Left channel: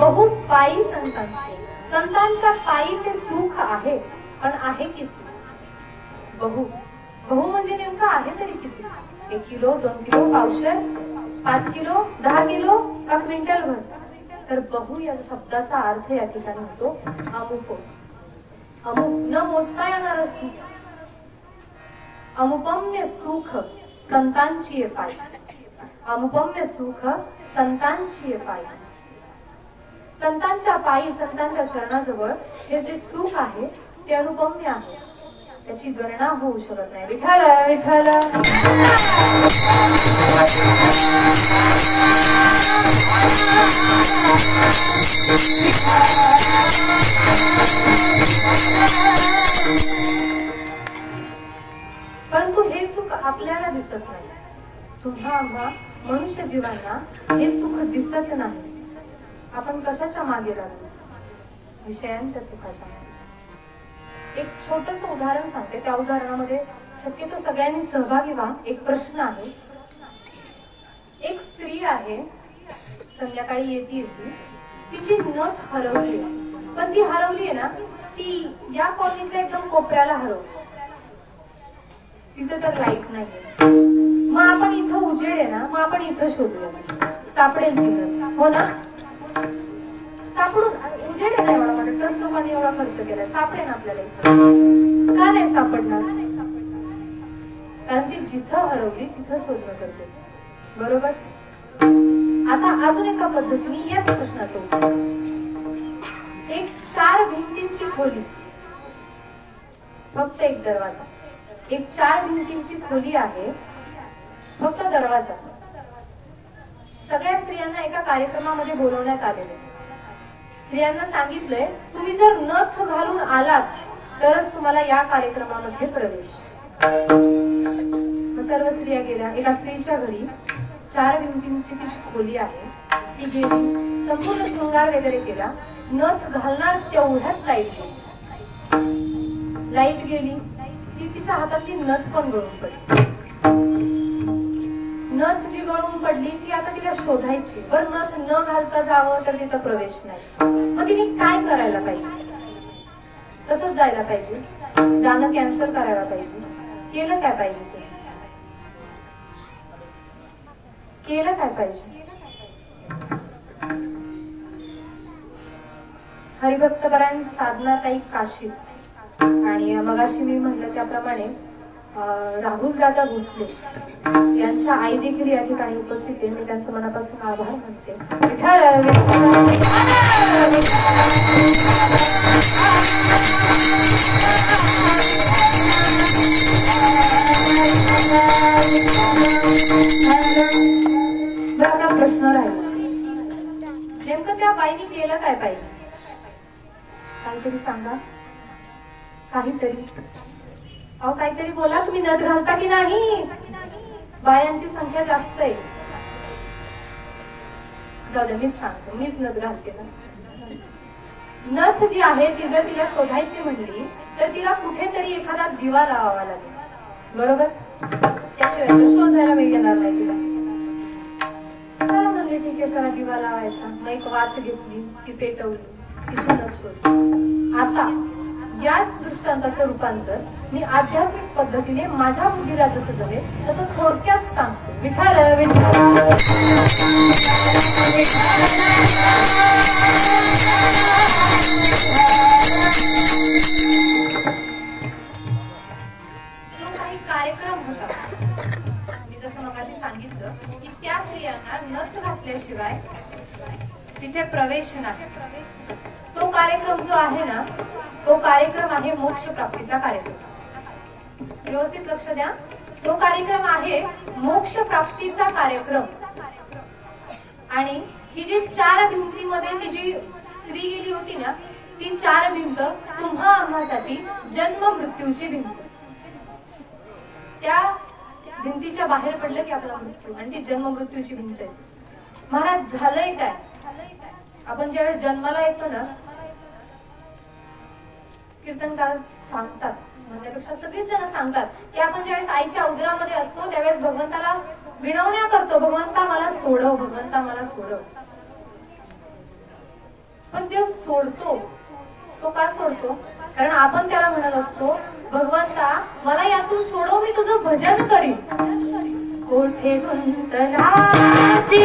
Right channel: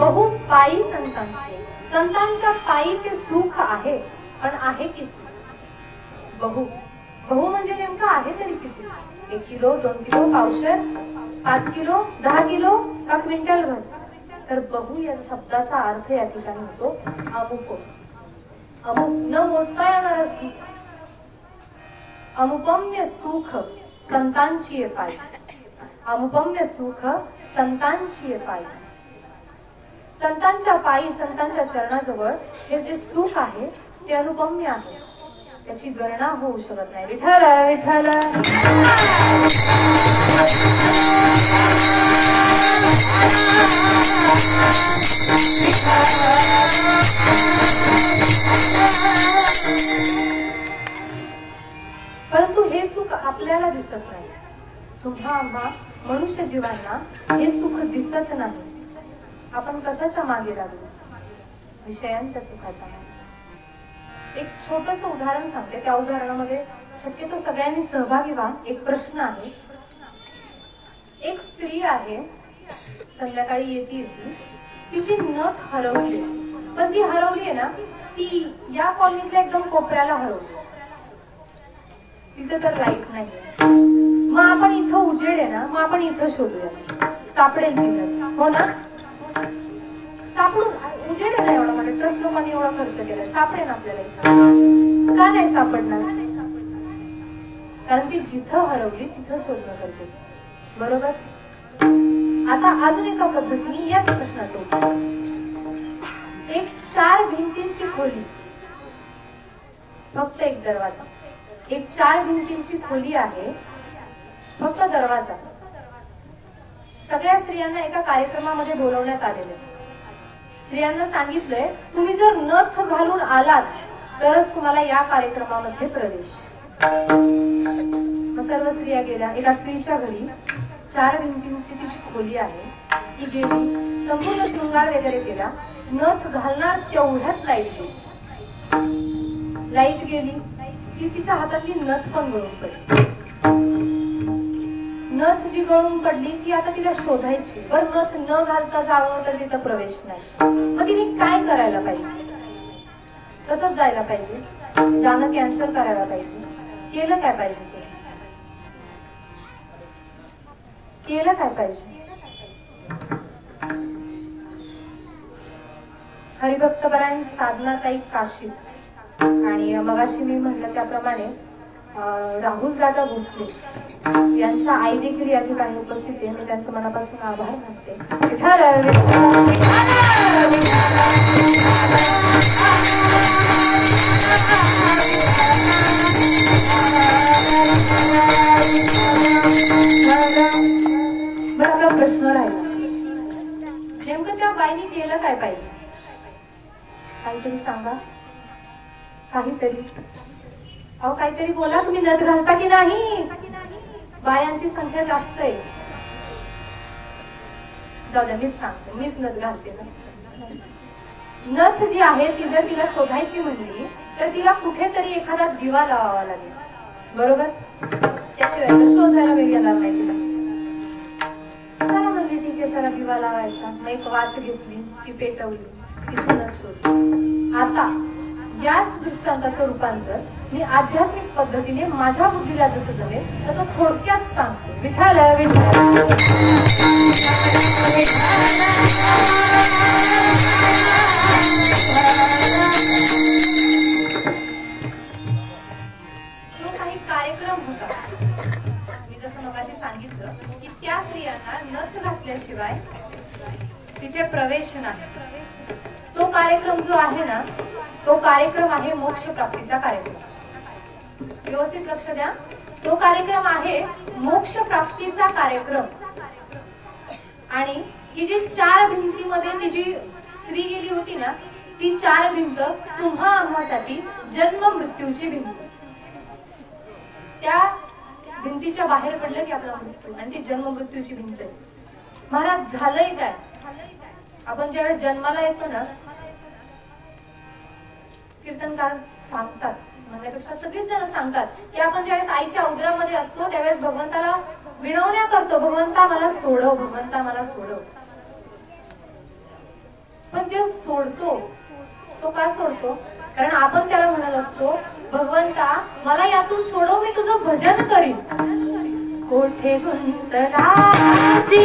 बहु पायी संतांचे, संतांच्या पायी ते सुख आहे, पण आहे किती? बहु बहु म्हणजे नेमकं आहे तरी किती? 1 किलो, 2 किलो, पावशेर, 5 किलो, 10 किलो का क्विंटल भर? तर बहु या शब्दाचा अर्थ या ठिकाणी होतो अमुक, अमुक न मोजता येणार सुख, अनुपम्य सुख संतांची पायी, अनुपम्य सुख संतांची पायी. संतांच्या पायी, संतांच्या चरणाजवळ हे जे सुख आहे ते अनुपम्य आहे, त्याची गणना होऊ शकत नाही. विठ्ठल विठ्ठल परंतु हे सुख आपल्याला दिसत नाही. तुम्हा आम्हा मनुष्य जीवांना हे सुख दिसत नाही. आपण कशाच्या मागे लागलो? विषयांच्या सुखाच्या मागे. एक छोटस उदाहरण सांगते, त्या उदाहरणामध्ये शक्यतो सगळ्यांनी सहभागी व्हा. एक प्रश्न आहे. एक स्त्री आहे, संध्याकाळी येते, तिची नथ हरवली. तर ती हरवली आहे ना, ती या कॉलनीतल्या एकदम कोपऱ्याला हरवली. तिथे तर लाईट नाहीये. मग आपण इथं उजेड आहे ना, मग आपण इथं शोधूया, सापडेल तिथं, हो ना? सापडून उजेड आहे ना एवढा म्हणत, तस लोकांनी एवढा खर्च केलाय, सापडेल आपल्याला इथं. का नाही सापडणार? कारण ती जिथं हरवली तिथं शोधणं गरजेचं, बरोबर? आता अजून एका पद्धतीने याच प्रश्नाचं उत्तर. एक 4 भिंतींची खोली, फक्त एक दरवाजा. एक 4 भिंतींची खोली आहे, फक्त दरवाजा. सगळ्या स्त्रियांना एका कार्यक्रमामध्ये बोलवण्यात आलेले. स्त्रियांना सांगितलंय, तुम्ही जर नथ घालून आलात तरच तुम्हाला या कार्यक्रमामध्ये प्रवेश. मग सर्व स्त्रिया गेल्या. एका स्त्रीच्या घरी 4 भिंतींची तिची खोली आहे, ती गेली, संपूर्ण शृंगार वगैरे केला. नथ घालणार तेवढ्यात लाईट गेली. लाईट गेली की तिच्या हातातली नथ पण गळून पडली. नथ जी गळून पडली ती आता तिला शोधायची. बर नथ न घालता जावं तर तिथं प्रवेश नाही. मग तिने काय करायला पाहिजे? तसंच जायला पाहिजे, जाणं कॅन्सल करायला पाहिजे. केलं काय पाहिजे? ते केलं काय पाहिजे? हरिभक्तपरायण साधनाताई काशीद आणि मगाशी मी म्हटलं त्याप्रमाणे राहुल दादा भोसले यांच्या आई देखील या ठिकाणी उपस्थित आहे. मी त्यांचं मनापासून आभार मानते. बरं, आपला प्रश्न राहिला, नेमकं त्या बाईने केलं काय पाहिजे? काहीतरी सांगा, काहीतरी. अहो काहीतरी बोला. तुम्ही नथ घालता की नाही? बायांची संख्या जास्त आहे. जाऊ द्या, मीच सांगते, मीच नथ घालते ना. नथ जी आहे ती जर तिला शोधायची म्हणली तर तिला कुठेतरी एखादा दिवा लावावा लागेल, बरोबर? त्याशिवाय तर शोधायला वेळ येणार नाही तिला. चला म्हणजे ठीक आहे, चला दिवा लावायचा. मग एक वात घेतली, ती पेटवली, तिची नथ शोधली. आता याच दृष्टांताचं रूपांतर मी आध्यात्मिक पद्धतीने माझ्या बुद्धीला जसं जमेल तसं थोडक्यात सांगते. विठ्ठल विठ्ठल जो काही कार्यक्रम होता, मी जसं मगाशी सांगितलं की त्या स्त्रियांना नथ घातल्याशिवाय तिथे प्रवेश नाही. तो कार्यक्रम जो आहे ना, तो कार्यक्रम आहे मोक्ष प्राप्तीचा कार्यक्रम. व्यवस्थित लक्ष द्या. तो कार्यक्रम आहे मोक्ष प्राप्तीचा कार्यक्रम. आणि ही जी 4 भिंतीमध्ये ती जी स्त्री गेली होती ना, ती 4 भिंत तुम्हा आम्हासाठी जन्म मृत्यूची भिंत. त्या भिंतीच्या बाहेर पडलं की आपला मृत्यू, आणि ती जन्म मृत्यूची भिंत आहे. महाराज झालंय काय? आपण ज्यावेळेस जन्माला येतो ना, कीर्तनकार सांगतात, म्हणल्यापेक्षा सगळेच जण सांगतात की आपण ज्यावेळेस आईच्या उदरामध्ये असतो त्यावेळेस भगवंताला विनवण्या करतो, भगवंता मला सोडव, भगवंता मला सोडव. कारण आपण त्याला म्हणत असतो, भगवंता मला यातून सोडव, मी तुझं भजन करीन. कोठे गुंतलासी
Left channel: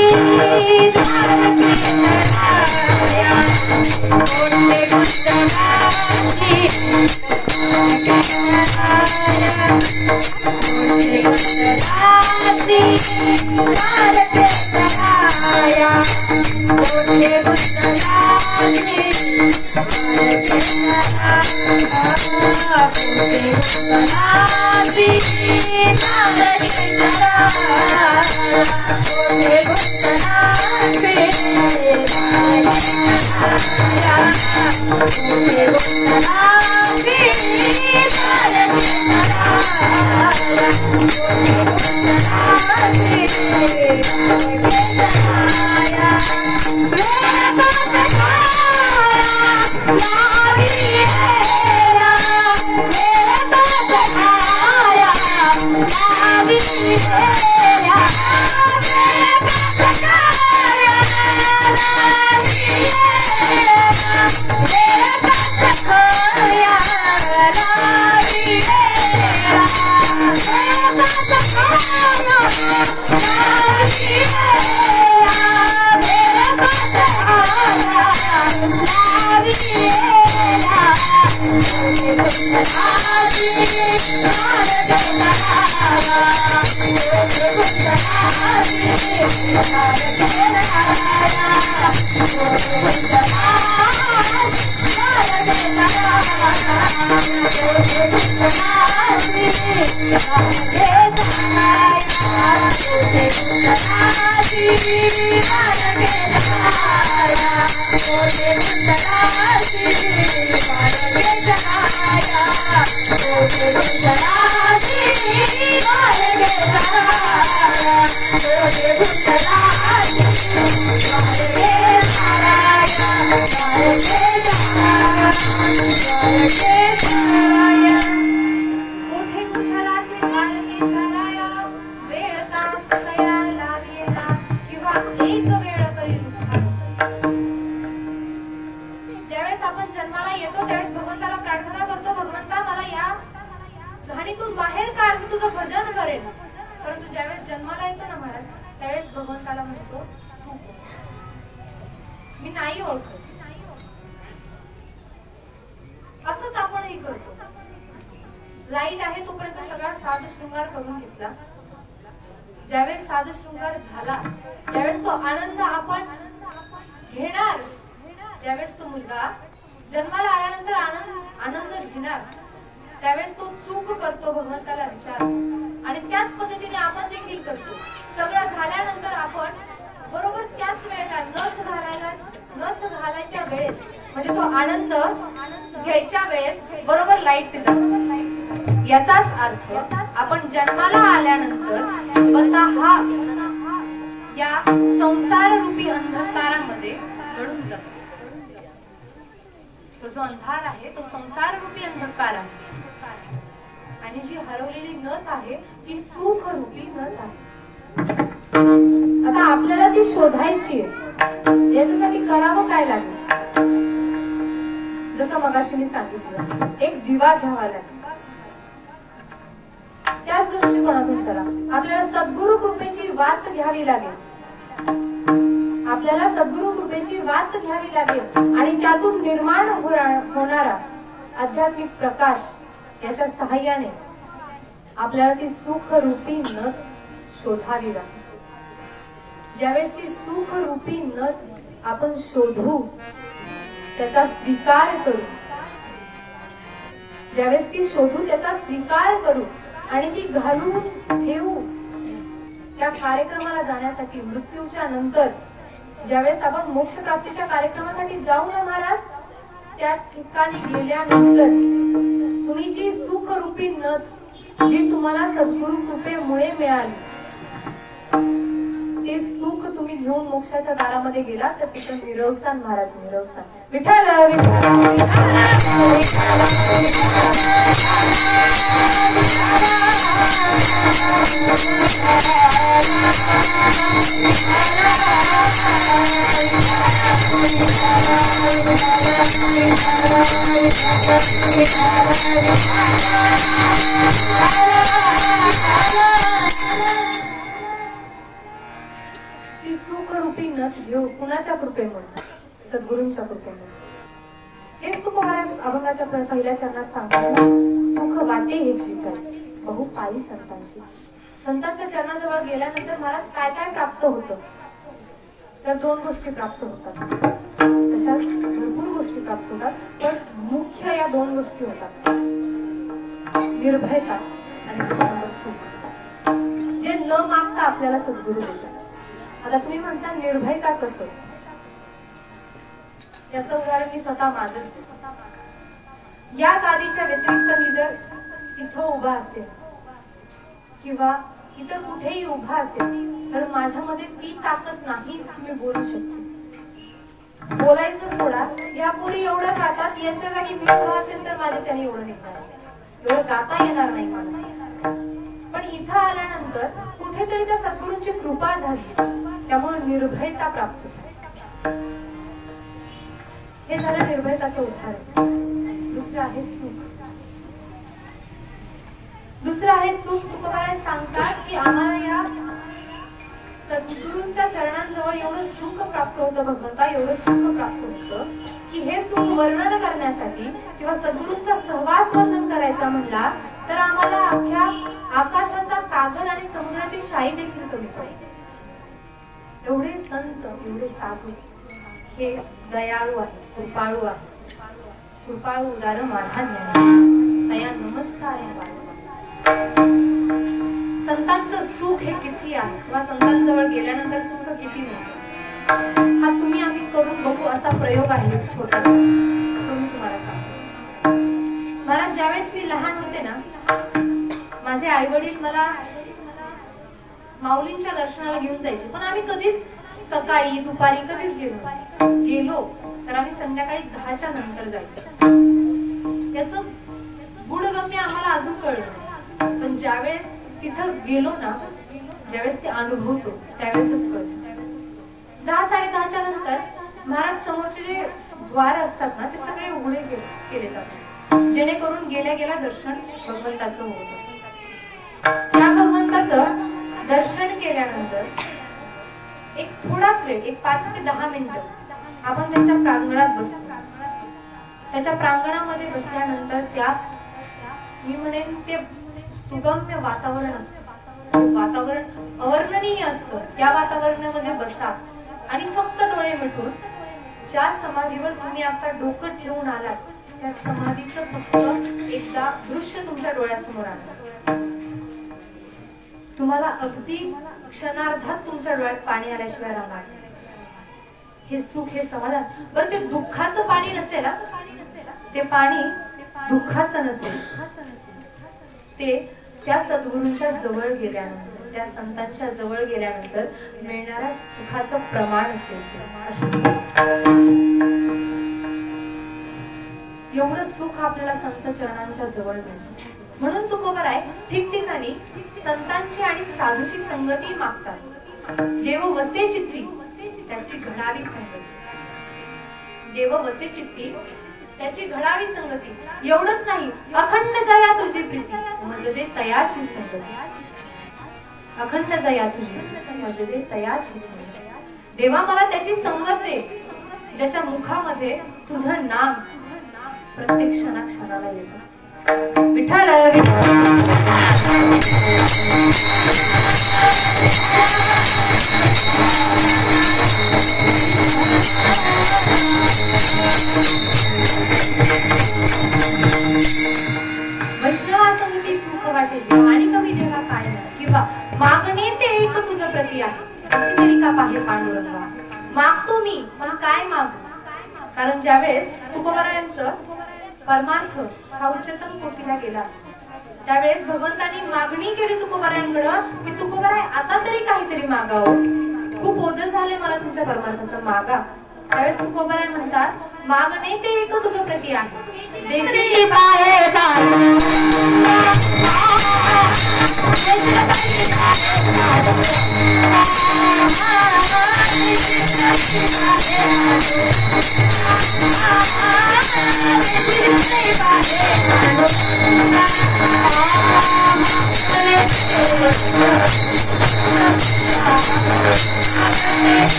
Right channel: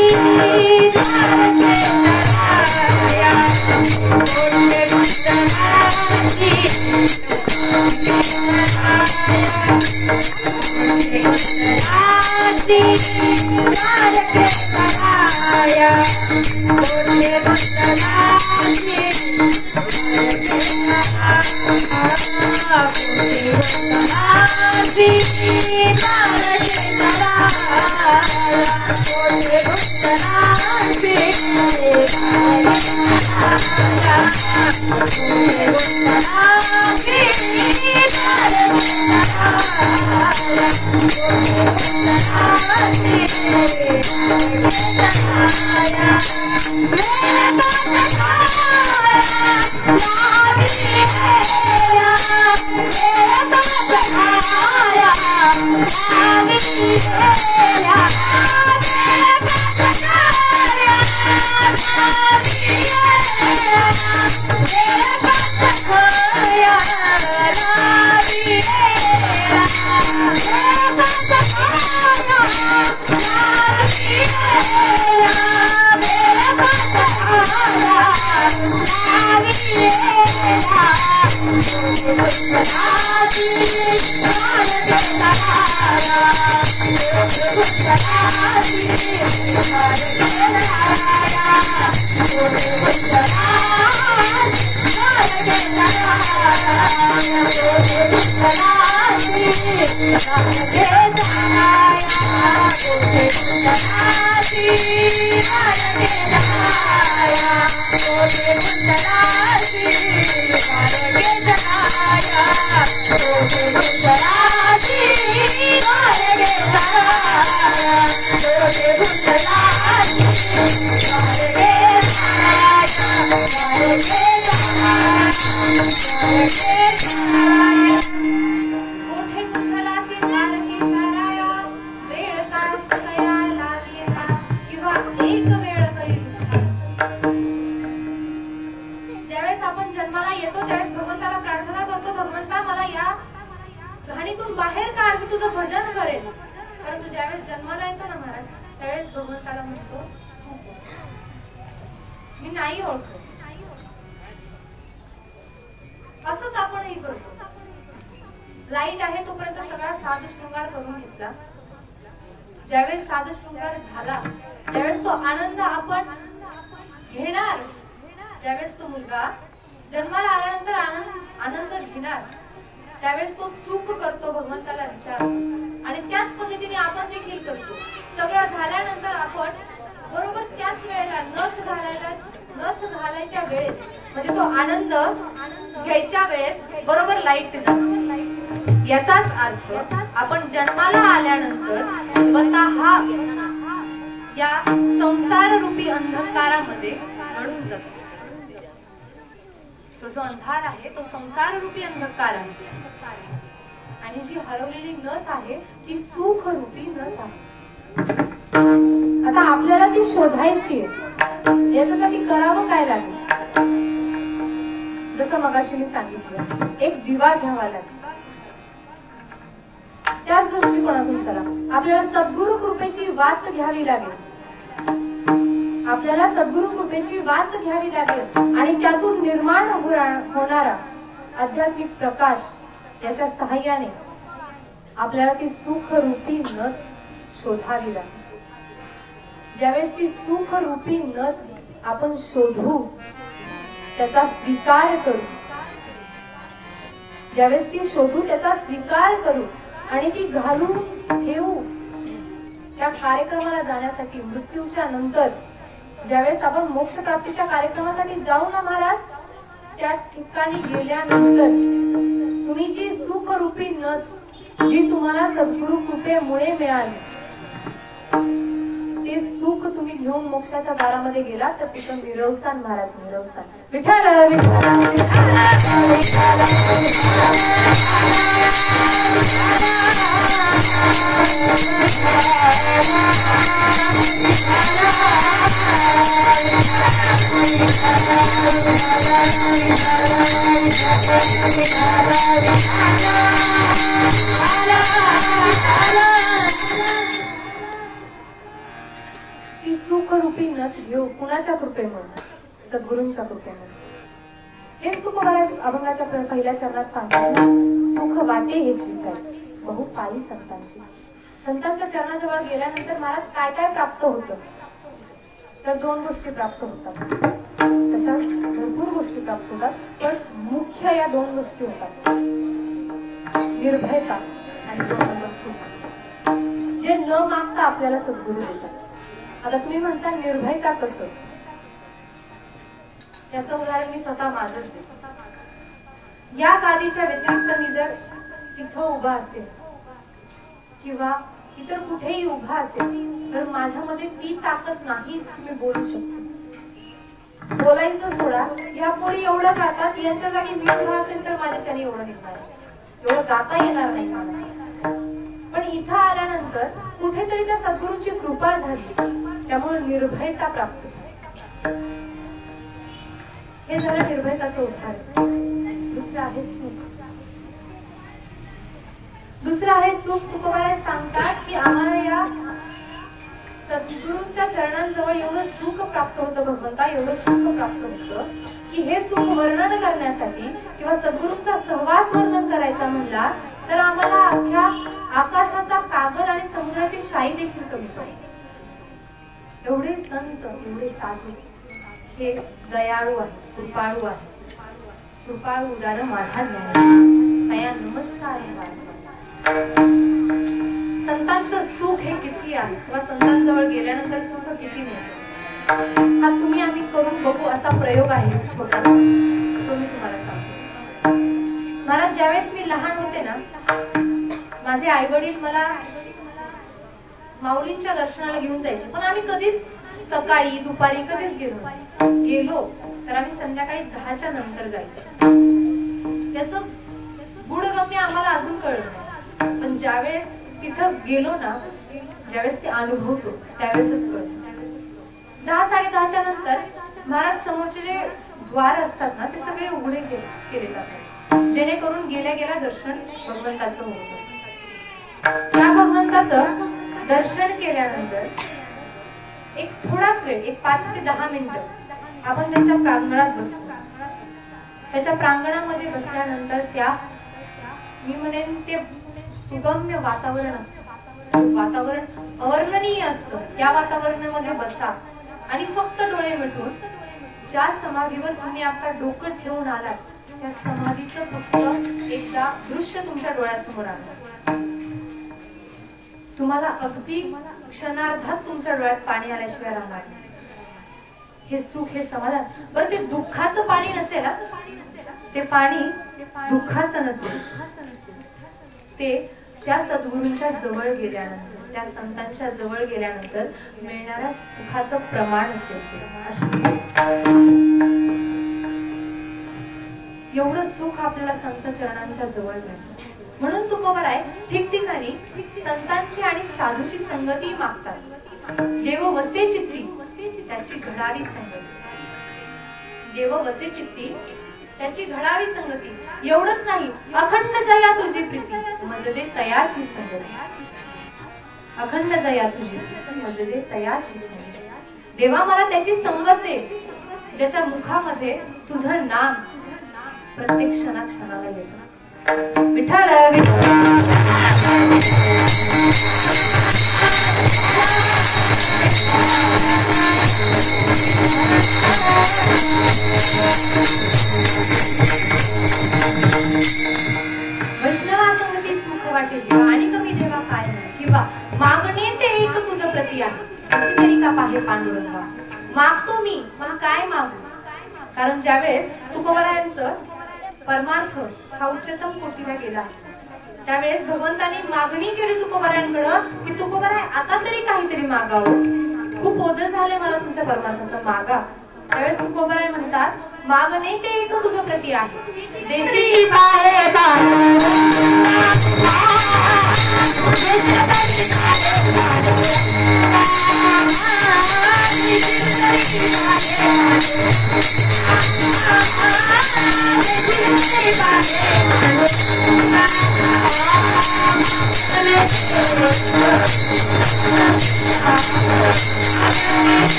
लाईट आहे तोपर्यंत सगळा साज शृंगार करून घेतला. ज्यावेळेस साज शृंगार झाला त्यावेळेस तो आनंद आपण घेणार. ज्यावेळेस तो मुलगा जन्माला आल्यानंतर आनंद घेणार त्यावेळेस तो चूक करतो भगवंताला विचार आणि त्याच पद्धतीने आपण देखील करतो. सगळं झाल्यानंतर आपण बरोबर त्याच वेळेला नथ घालायच्या वेळेस म्हणजे तो आनंद घ्यायच्या वेळेस बरोबर लाईट जातो. याचाच अर्थ आपण जन्माला आल्यानंतर स्वतः या संसार रूपी अंधकारामध्ये अडून जातो. तो जो अंधार आहे तो संसार रूपी अंधकार आहे आणि जी हरवलेली नथ आहे ती सुख रूपी नथ आहे. आता आपल्याला ती शोधायची आहे. याच्यासाठी करावं काय लागेल? जसं मगाशी मी सांगितलं, एक दिवा घ्यावा लागेल. त्याच दृष्टिकोनातून चला. आपल्याला सद्गुरु कृपेची वात घ्यावी लागेल. आपल्याला सद्गुरु कृपेची वात घ्यावी लागेल आणि त्यातून निर्माण होणारा आध्यात्मिक प्रकाश याच्या सहाय्याने आपल्याला ती सुख रूपी नथ शोधावी लागेल. ज्यावेळेस ती सुख रूपी नथ आपण शोधू, त्याचा स्वीकार करू, ज्यावेळेस ती शोधू त्याचा स्वीकार करू आणि ती घालून ठेवू, त्या कार्यक्रमाला जाण्यासाठी मृत्यूच्या नंतर ज्यावेळेस आपण मोक्ष प्राप्तीच्या कार्यक्रमासाठी जाऊ ना महाराज, त्या ठिकाणी गेल्यानंतर तुम्ही जी सुख रूपी नथ जी तुम्हाला सद्गुरु कृपेमुळे मिळाली ते सुख तुम्ही घेऊन मोक्षाच्या दारामध्ये गेला तर तिथं मिरवसान महाराज, मिरवसान. विठ्ठल विठ्ठल ती सुखरूपी नथ घेऊ कुणाच्या कृपेमुळे? सद्गुरूंच्या कृपेमुळे. हेच तुकोबाराय अभंगाच्या पहिल्या चरणात सांगतात, सुख वाटे हे चिंताय बहु पायी संतांची. संतांच्या चरणाजवळ गेल्यानंतर मला काय काय प्राप्त होतं? तर दोन गोष्टी प्राप्त होतात. तशाच भरपूर गोष्टी प्राप्त होतात, पण मुख्य या दोन गोष्टी होतात, निर्भयता आणि सुख, जे न मागता आपल्याला सद्गुरू देतात. आता तुम्ही म्हणता निर्भयता कसं? त्याचं उदाहरण मी स्वतः माझंच देतो. या गादीच्या व्यतिरिक्त मी जर इथं उभा असेल किंवा इतर कुठेही उभा असेल तर माझ्यामध्ये ती ताकद नाही तुम्ही बोलू शकते. बोलायचं सोडा, या पोरी एवढं गातात, याच्या जागी मी उभा असेल तर माझ्याच्याने एवढं निघणार, एवढं गाता येणार नाही मला. पण इथं आल्यानंतर कुठेतरी त्या सद्गुरूंची कृपा झाली, त्यामुळे निर्भयता प्राप्त झाली. हे झालं निर्भयताचं उदाहरण. दुसरं आहे सुख. दुसरं आहे सुख. तुकोबाराय सांगतात की आम्हाला या सद्गुरूंच्या चरणांजवळ एवढं सुख प्राप्त होतं, भगवंता एवढं सुख प्राप्त होतं की हे सुख वर्णन करण्यासाठी किंवा सद्गुरूंचा सहवास वर्णन करायचा म्हणला तर आम्हाला अख्ख्या आकाशाचा कागद आणि समुद्राची शाई देखील कमी पडेल. एवढे संत, एवढे साधू हे दयाळू आहे, कृपाळू आहे. कृपाळू उदार माझा ज्ञान तया नमस्कार आहे. संतांचं सुख हे किती आहे किंवा संतांजवळ गेल्यानंतर सुख किती मिळते हा तुम्ही आम्ही करून बघू असा प्रयोग आहे छोटासा, तो मी तुम्हाला सांगते. मला ज्यावेळेस मी लहान होते ना, माझे आई वडील मला माऊलींच्या दर्शनाला घेऊन जायचे, पण आम्ही कधीच सकाळी दुपारी कधीच गेलो तर आम्ही संध्याकाळी 10च्या नंतर जायचो. त्याचं गुणगम्य आम्हाला अजून कळलं नाही, पण ज्यावेळेस तिथं गेलो ना, ज्यावेळेस ते अनुभवतो त्यावेळेसच कळतो. 10-10:30च्या नंतर महाराज समोरचे जे द्वार असतात ना ते सगळे उघडे केले जातात, जेणेकरून गेल्या गेल्या दर्शन भगवंताचं होतं. त्या भगवंताचं दर्शन केल्यानंतर एक थोडाच वेळ, एक 5 ते 10 मिनिटं आपण त्याच्या प्रांगणात बसतो. त्याच्या प्रांगणामध्ये बसल्यानंतर त्या मी म्हणेन ते सुगम्य वातावरण असतं, वातावरण अवर्णनीय असतं. त्या वातावरणामध्ये बसा आणि फक्त डोळे मिटून ज्या समाधीवर तुम्ही आता डोकं ठेवून आलात त्या समाधीचं फक्त एकदा दृश्य तुमच्या डोळ्यासमोर आणलं. तुम्हाला अगदी क्षणार्धात तुमच्या डोळ्यात पाणी आल्याशिवाय राहणार. हे सुख, हे समाधान. बरं ते दुःखाचं पाणी नसेल, ते पाणी दुःखाचं नसेल, ते त्या सद्गुरूंच्या जवळ गेल्यानंतर, त्या संतांच्या जवळ गेल्यानंतर मिळणाऱ्या सुखाचं प्रमाण असेल. एवढं सुख आपल्याला संत चरणांच्या जवळ मिळतं. म्हणून तुकोबाराय ठिकठिकाणी संतांची आणि साधूची संगती मागतात. देव वसे चित्ती त्याची घडावी संगती, देव वसे चित्ती त्याची घडावी संगती. एवढंच नाही, अखंड दया तुझी प्रीती मजदे तयाची संगती. अखंड दया तुझी मजदे तयाची संगती. देवा मला त्याची संगत दे ज्याच्या मुखामध्ये तुझं नाम प्रत्येक क्षणाला येतं. विठ्ठल वैष्णवासंगती सुख वाटे आणि कमी देवा काय किंवा मागणे ते एक तुझं प्रती आहे असे तरी का पाहे पांडुरंगा. मागतो मी, पण काय मागू? कारण ज्यावेळेस तुकोबारायांचं परमार्थ हा उच्चतम कोटीला गेला त्यावेळेस भगवंतांनी मागणी केली तुकोबारायांकडं की तुकोबाराय आता तरी काहीतरी मागावं, खूप ओझं झाले मला तुमच्या परमार्थाचं, मागा. त्यावेळेस तुकोबाराय म्हणतात मागणे ते एक तुझं प्रती आहे देसी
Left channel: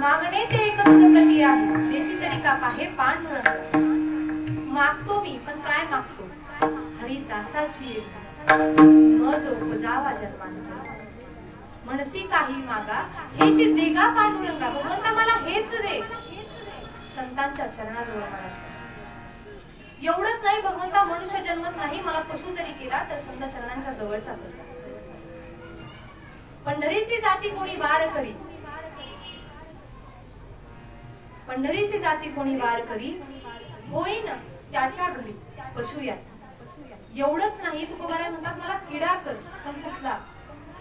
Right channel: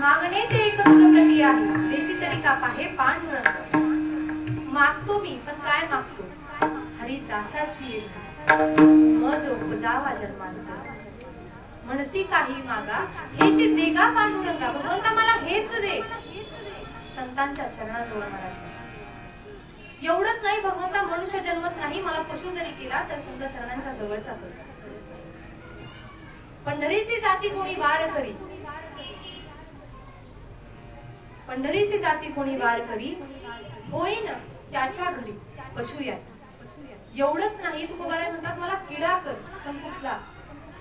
मागणे ते एक प्रक्रिया आहे. देसी तरी का हे पांडुरंग. मागतो मी पण काय मागतो? हरिदासाची मज उपजावा जन्मामध्ये. म्हणसी काही मागा हेच देगा पांडुरंगा. भगवंता मला हेच दे. संतांच्या चरणाजवळ मला. एवढंच नाही, भगवंता मनुष्य जन्मच नाही, मला पशु जरी केला तर संत चरणांच्या जवळचा तो. पंढरीची जाती कोणी वार करी. पंढरीची जाती कोणी वार करी. होईन त्याच्या घरी पशु या. एवढंच नाही, तुकोबाराय म्हणतात मला किडा कर पण कुठला.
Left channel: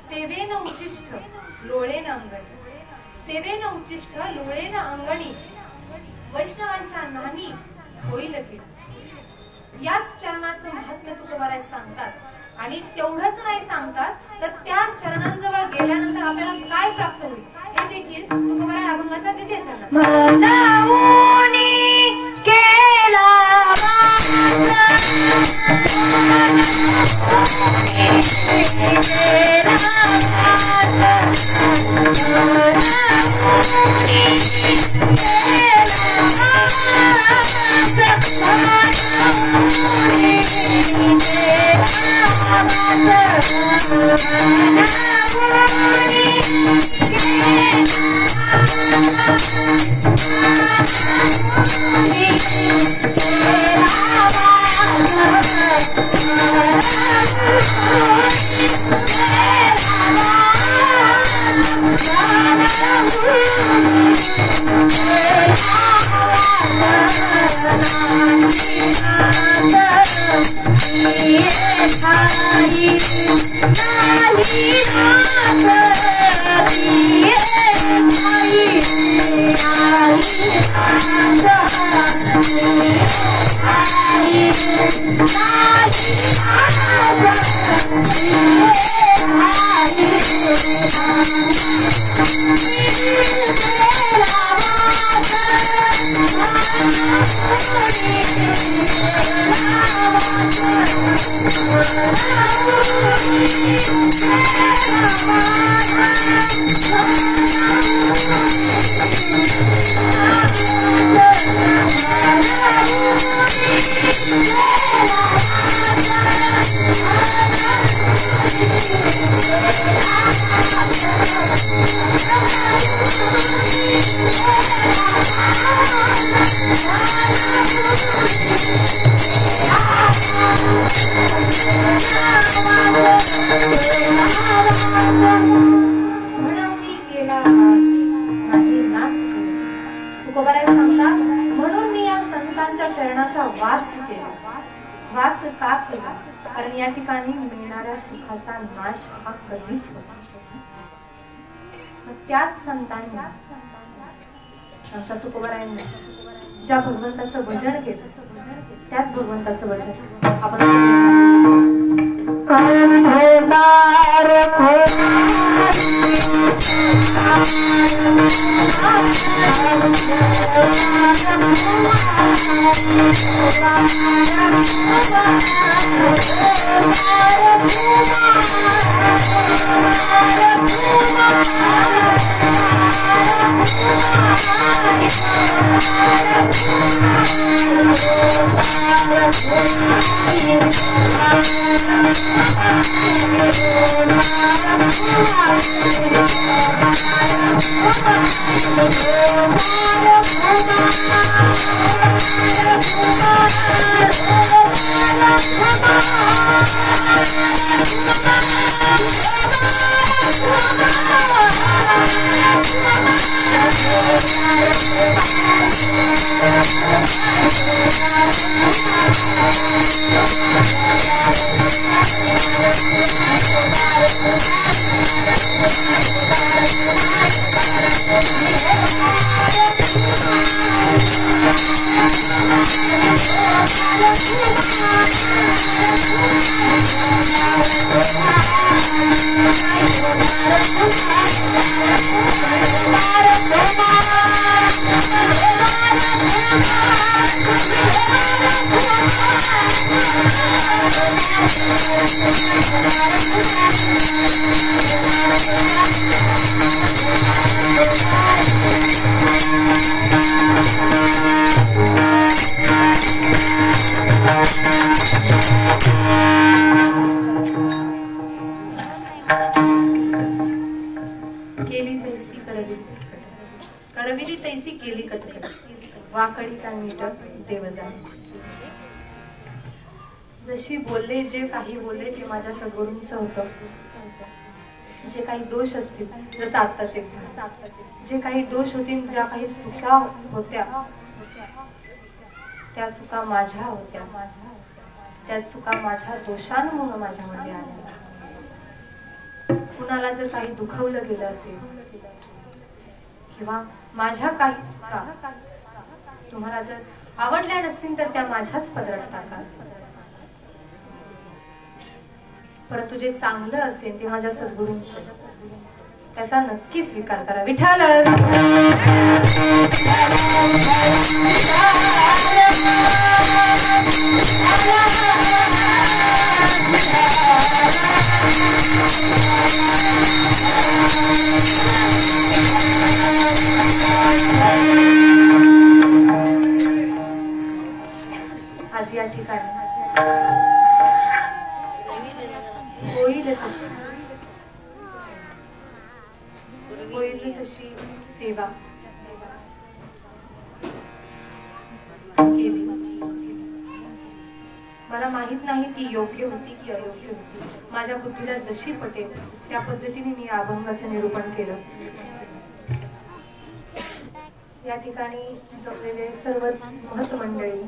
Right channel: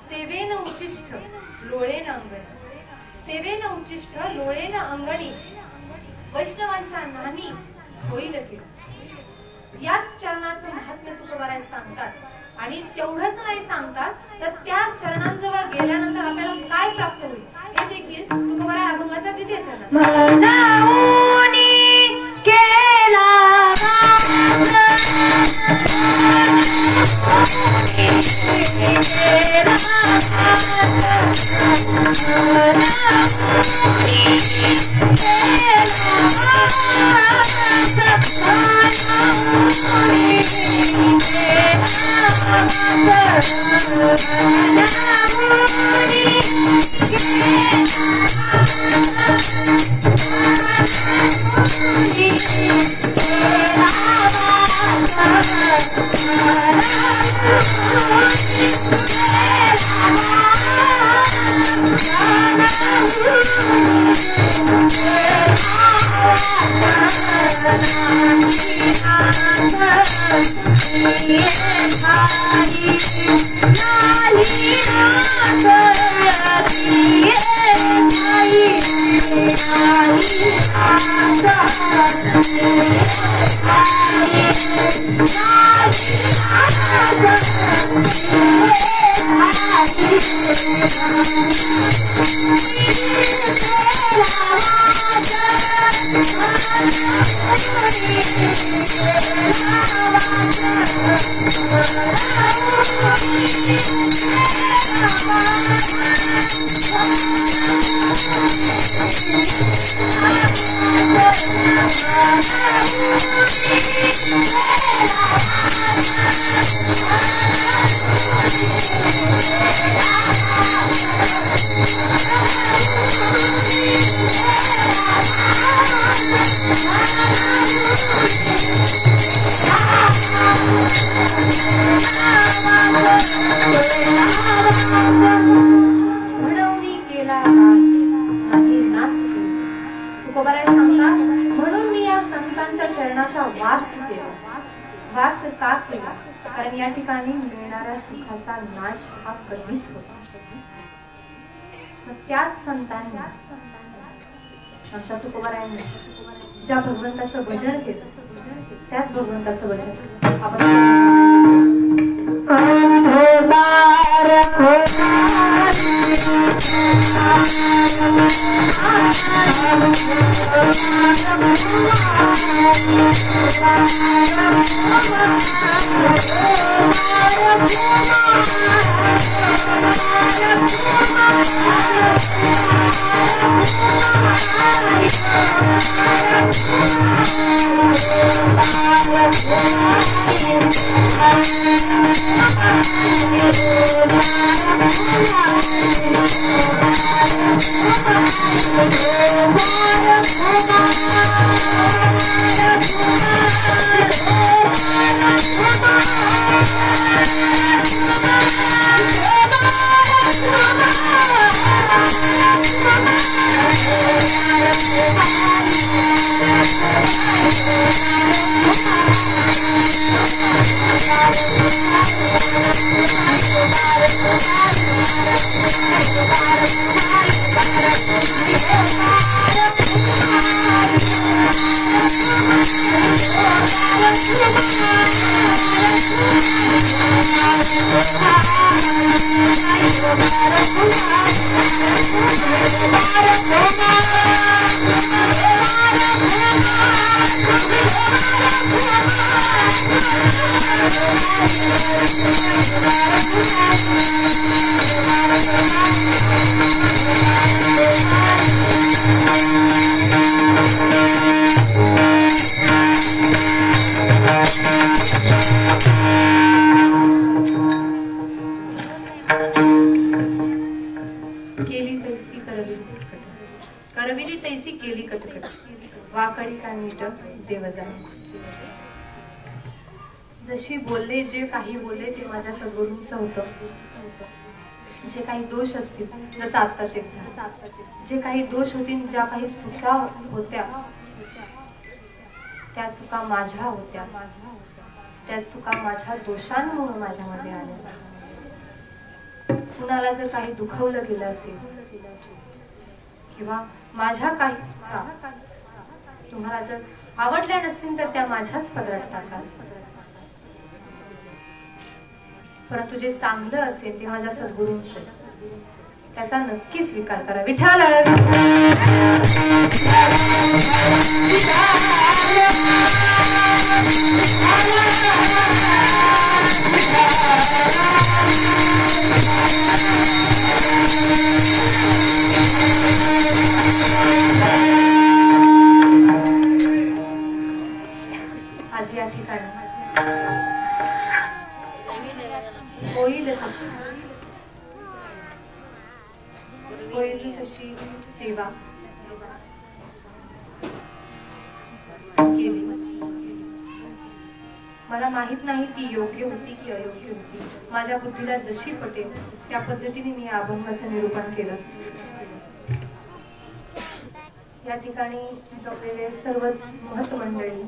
सेवेन उचिष्ठ लोळेन अंगणी. सेवेन उचिष्ठ लोळेन अंगणी. वैष्णवांच्या नानी होईल किडा. याच चरणाचं महत्व तुकोबाराय सांगतात. आणि तेवढंच नाही सांगतात तर त्या चरणांजवळ गेल्यानंतर आपल्याला काय प्राप्त होईल हे देखील तुकोबाराय अभंगाच्या द्वितीय चरणात कारण या ठिकाणी मिळणाऱ्या सुखाचा नाश हा कधीच होत. त्याच संतांनी आमच्या तुकोबारायांनी ज्या भगवंताचं भजन केलं त्याच भगवंताचं भजन आपण करविली तैसी केली कटकट वाकडी कानीट देवजान. जशी बोलले जे काही बोलले ते माझ्या सद्गुरूंचं होतं. जे काही दोष असतील जसं आत्ताच एक झालं, जे काही दोष होतील, ज्या काही चुका होत्या त्या चुका माझ्या होत्या. त्या चुका माझ्या दोषांमुळे माझ्यामध्ये आल्या. कुणाला जर काही दुखवलं गेलं असेल किंवा माझ्या काही चुका तुम्हाला जर आवडल्या नसतील तर त्या माझ्याच पदरात टाका. परंतु जे चांगलं असेल ते माझ्या सद्गुरूंचं, त्याचा नक्की स्वीकार करा. विठ्ठल आज या ठिकाणी होईल तशी सेवा केली. मला माहित नाही ती योग्य होती की अयोग्य होती. माझ्या बुद्धीला जशी पटेल त्या पद्धतीने मी अभंगाचं निरूपण केलं. या ठिकाणी जमलेले सर्वच महत मंडळी,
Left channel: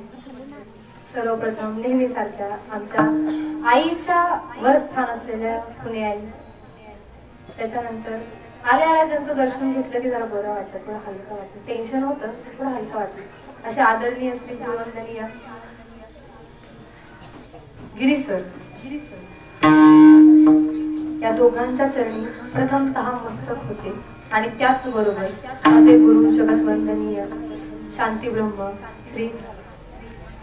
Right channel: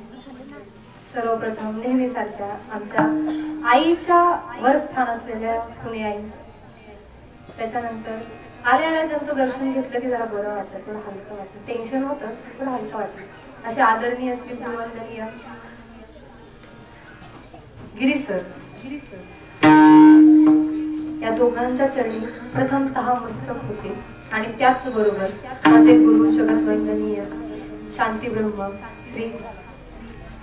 सर्वप्रथम नेहमीसारख्या आमच्या आईच्या वर स्थान असलेल्या पुणे आई, त्याच्यानंतर आल्या ज्यांचं दर्शन घेतलं की जरा बरं वाटतं, थोडं हलकं वाटतं. टेन्शन होतं, थोडं हलकं वाटतं. असे आदरणीय असतील वंदनीय गिरीश सर, या दोघांच्या चरणी प्रथमतः मस्तक होते. आणि त्याचबरोबर माझे गुरु जगत वंदनीय शांती ब्रह्म श्री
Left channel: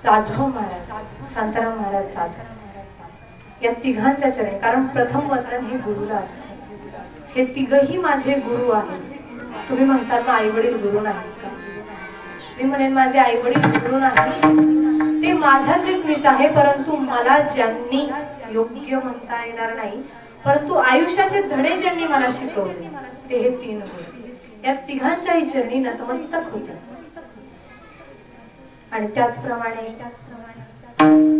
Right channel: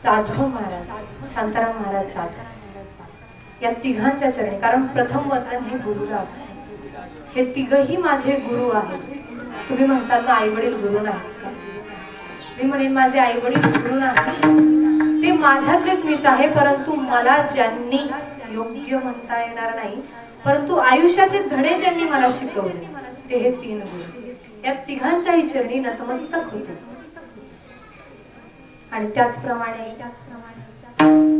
जाधव महाराज, शांताराम महाराज जाधव, या तिघांच्या चरणी. कारण प्रथम वंदन हे गुरुला असते. हे तिघही माझे गुरु आहेत. तुम्ही म्हणसाल आई वडील गुरु नाहीत का? मी म्हणेन माझे आई वडील गुरु नाही, ते माझ्यातलेच मीच आहे. परंतु मला ज्यांनी योग्य म्हणता येणार नाही, परंतु आयुष्याचे धडे ज्यांनी मला शिकवले ते हे तीन गुरु. या तिघांच्याही चरणी नतमस्तक होते. आणि त्याचप्रमाणे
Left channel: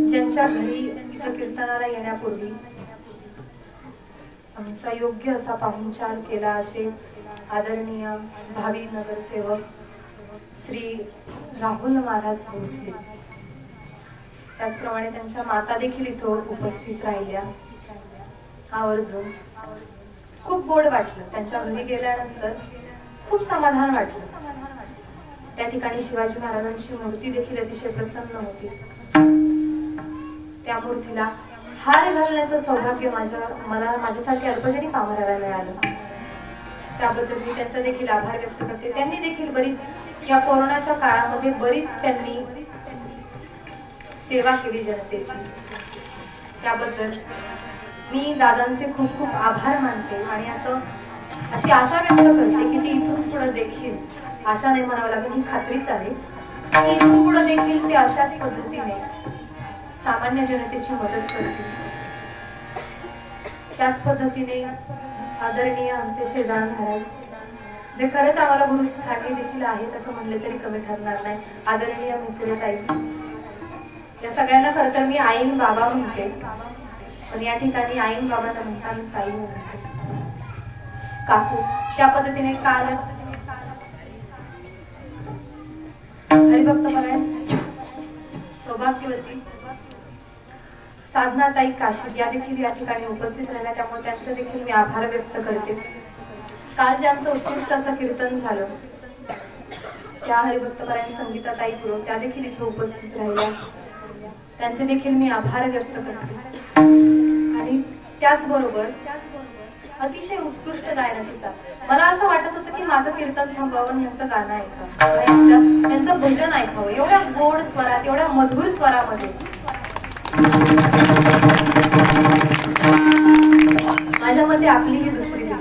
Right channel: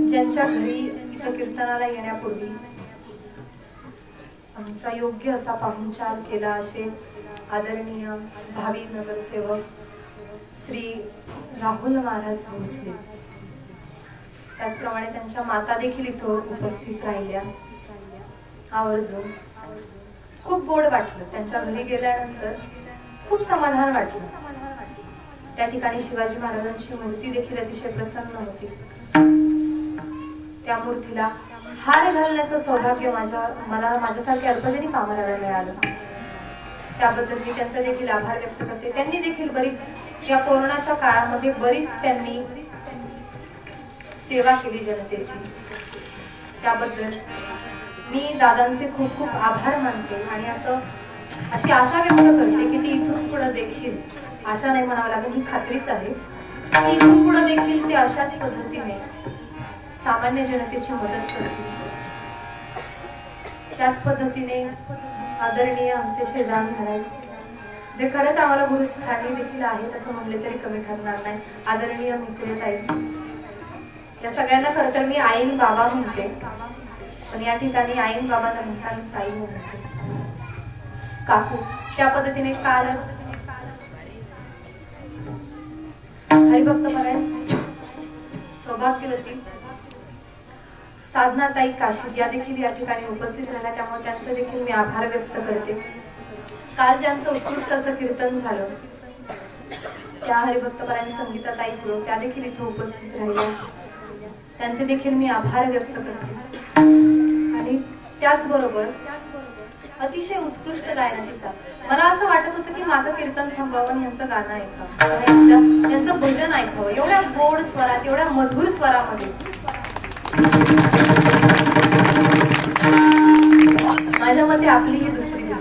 ज्यांच्या घरी कीर्तनाला येण्यापूर्वी आमचा योग्य असा पाहुणचार केला, असे आदरणीय भावी नगरसेवक श्री राहुल महाराज भोसले, त्याचप्रमाणे त्यांच्या माता देखील इथं उपस्थित राहिल्या. आवर्जून खूप गोड वाटलं. त्यांच्या घरी गेल्यानंतर खूप समाधान वाटलं. त्या ठिकाणी शिवाजी महाराजांची मूर्ती देखील अतिशय प्रसन्न होती. त्या मूर्तीला हार घालण्याचं सौभाग्य मला माझ्यासारख्या अल्पजनी कामाला मिळालं. त्याबद्दल मी त्यांचा देखील आभार व्यक्त करते. त्यांनी देखील बरीच या कोरोनाच्या काळामध्ये बरीच त्यांनी सेवा केली जनतेची. त्याबद्दल मी दादांचे खूप खूप आभार मानते. आणि अशी आशा व्यक्त करते की ती इथून पुढे देखील, आशा नाही म्हणावं लागेल, ही खात्रीच आहे की इथून पुढे देखील ते अशाच पद्धतीने सामान्य जनतेची मदत करतील. त्याच पद्धतीने आदरणीय आमचे शेजान महाराज, जे खरंच आम्हाला गुरुस्थानी देखील आहेत असं म्हणले तरी कमी ठरणार नाही, आदरणीय मित्रताई, या सगळ्यांना खरं तर मी आईन बाबा म्हणते. पण या ठिकाणी आईन बाबा म्हणताना ताई म्हणते, काकू. त्या पद्धतीने काल हरिभक्त म्हणाय सौभाग्यवती साधनाताई काशीद या देखील या ठिकाणी उपस्थित राहिल्या, त्यामुळे त्यांचे देखील मी आभार व्यक्त करते. काल ज्यांचं उत्कृष्ट असं कीर्तन झालं त्या हरिभक्तपरायण संगीताताई पुरो त्या देखील इथे उपस्थित राहिल्या, त्यांचे देखील मी आभार व्यक्त करते. आणि त्याचबरोबर अतिशय उत्कृष्ट गायनाची साथ. मला असं वाटत होतं की माझं कीर्तन थांबावं, यांचं गाणं ऐकावं, यांचं भजन ऐकावं. एवढ्या गोड स्वरात, एवढ्या मधुर स्वरामध्ये माझ्या मते आपली ही दुसरी वेळ.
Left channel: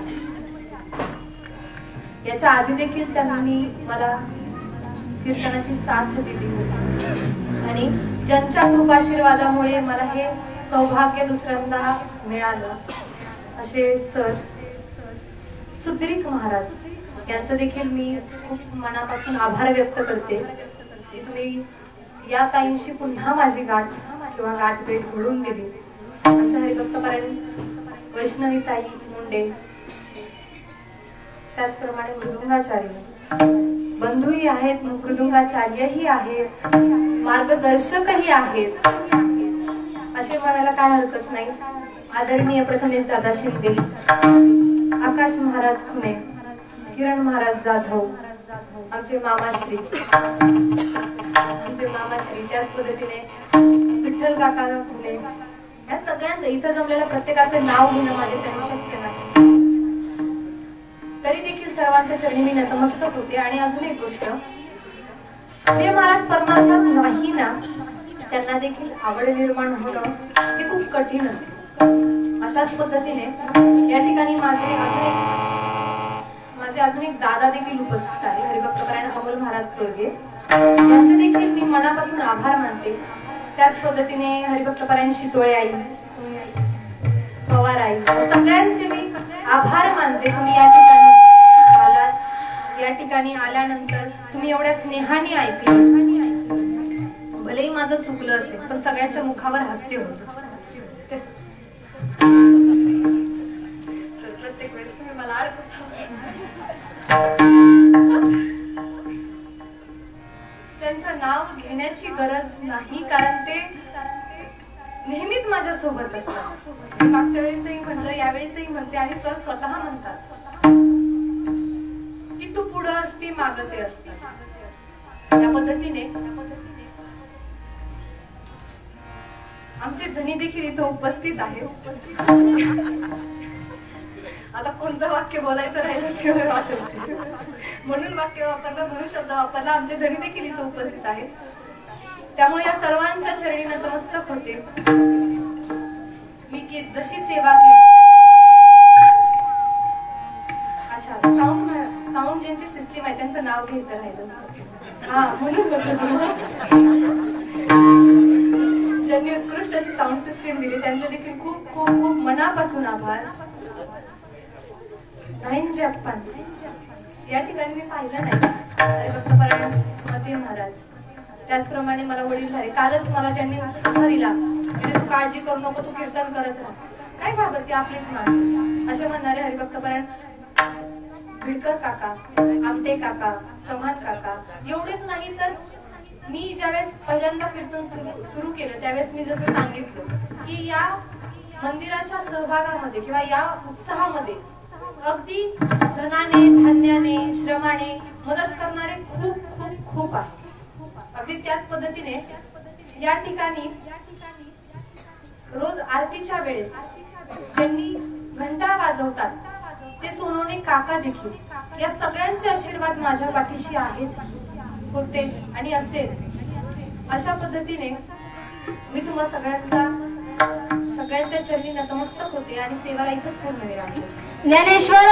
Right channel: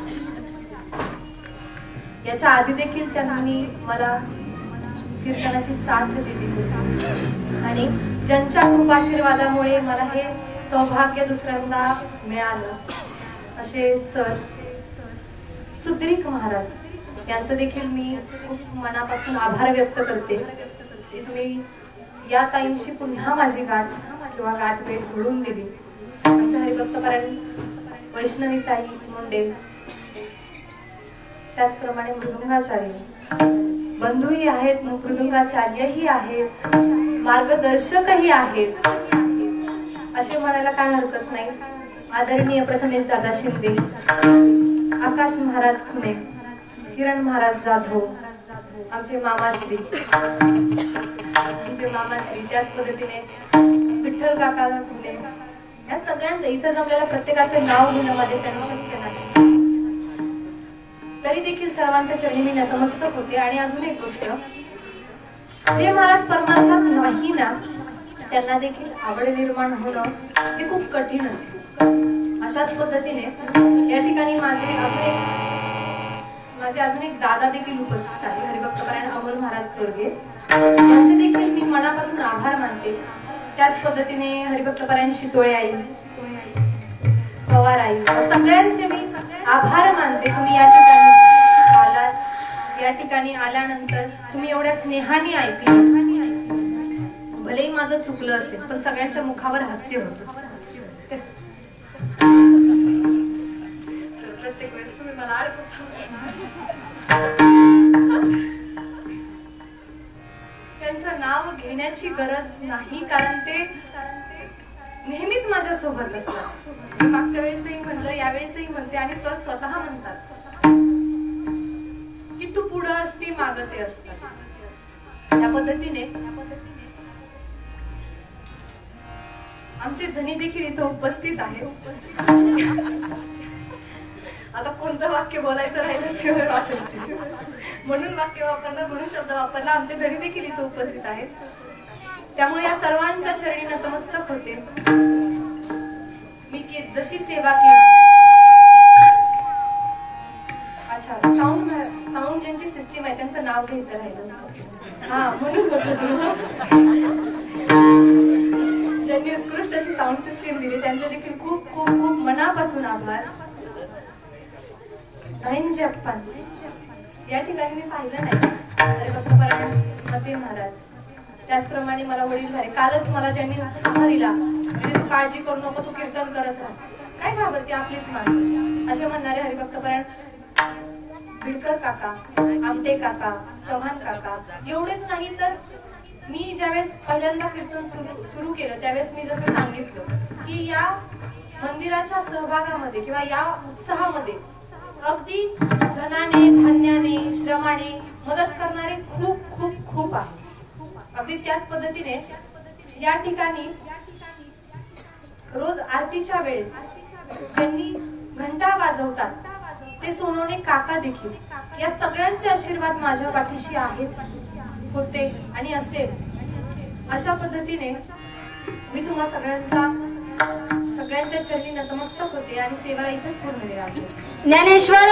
याच्या आधी देखील त्यांनी मला कीर्तनाची साथ दिली होती आणि ज्यांच्या कृपाशीर्वादामुळे मला हे सौभाग्य दुसऱ्यांदा मिळालं असे सर सुग्रीक महाराज यांचं देखील मी खूप मनापासून आभार व्यक्त करते. तुम्ही या ताईंशी पुन्हा माझी गाठ किंवा गाठभेट घडून दिली. आमच्या हरिभक्तपरायण वैष्णवी ताई मुंडे, त्याचप्रमाणे मृदुंगाचार्य बंधूही आहेत, मृदुंगाचार्यही आहेत, मार्गदर्शकही आहेत असे म्हणायला काय हरकत नाही. आदरणीय प्रथमेश दादा शिंदे, आकाश महाराज खुणे, किरण महाराज जाधव, आमचे मामाश्री, त्याच पद्धतीने विठ्ठल काका खुणे, या सगळ्यांचे इथं जमलेल्या प्रत्येकाचे नाव घेणं माझ्यासाठी शक्य नाही. तरी देखील सर्वांच्या चरणी नतमस्तक होते. आणि अजून एक गोष्ट, जे महाराज परमार्थात नाही ना त्यांना देखील आवड निर्माण होणं हे खूप कठीण असते. अशाच पद्धतीने या ठिकाणी माझे अजून एक दादा देखील उपस्थित आहे, हरिभक्तपरायण अमोल महाराज स्वर्गीय, यांचे देखील मी मनापासून आभार मानते. त्याच पद्धतीने हरिभक्तपरायण शितोळे आई, पवार आई, सगळ्यांचे मी आभार मानते. तुम्ही या ठिकाणी आलात, या ठिकाणी आल्यानंतर तुम्ही एवढ्या स्नेहाने ऐकलं. भलेही माझं चुकलं असेल पण सगळ्यांच्या मुखावर हास्य होतं. प्रत्येक वेळेस तुम्ही मला त्यांचं नाव घेण्याची गरज नाही, कारण ते नेहमीच माझ्या सोबत असतात. मागच्या वेळेसही म्हणलं, यावेळेसही म्हणते आणि स्वतः म्हणतात की तू पुढं असते, मागं ते असतात. त्या पद्धतीने आमचे धनी देखील इथं उपस्थित आहेत. आता कोणतं वाक्य बोलायचं राहिलं किंवा वाक्य म्हणून वाक्य वापरलं, म्हणून शब्द वापरला. आमचे धनी देखील इथं उपस्थित आहेत, त्यामुळे या सर्वांच्या चरणी नतमस्तक होते. मी जशी सेवा केली, अच्छा साऊंड ज्यांची सिस्टीम आहे त्यांचं नाव घ्यायचं राहिलं, हा म्हणून ज्यांनी उत्कृष्ट अशी साऊंड सिस्टीम दिली त्यांचे देखील खूप खूप खूप मनापासून आभार. नाईंचे अप्पान या ठिकाणी मी पाहिलं नाही, हरिभक्तपरायण मते महाराज, त्याचप्रमाणे मला वडील झाले. कालच मला ज्यांनी उत्साह दिला म्हणजे तू काळजी करू नको, तू कीर्तन करत राहा, काय घाबरते, आपलीच माणसं असे म्हणणारे हरिभक्तपरायण भिडकर काका, आमटे काका, समाज काका. एवढेच नाही तर मी ज्यावेळेस पहिल्यांदा कीर्तन सुरू केलं त्यावेळेस मी जसं सांगितलं की या मंदिराच्या सहभागामध्ये किंवा या उत्साहामध्ये अगदी धनाने, धान्याने, श्रमाने मदत करणारे खूप खूप खूप आहे. अगदी त्याच पद्धतीने या ठिकाणी रोज आरतीच्या वेळेस ज्यांनी घंटा वाजवतात ते सोनवणे काका देखील, या सगळ्यांचे आशीर्वाद माझ्या पाठीशी आहेत, होते आणि असेल. अशा पद्धतीने मी तुम्हा सगळ्यांच्या चरणी नतमस्तक होते आणि सेवाला इथेच पूर्ण वेळ आहे. ज्ञानेश्वर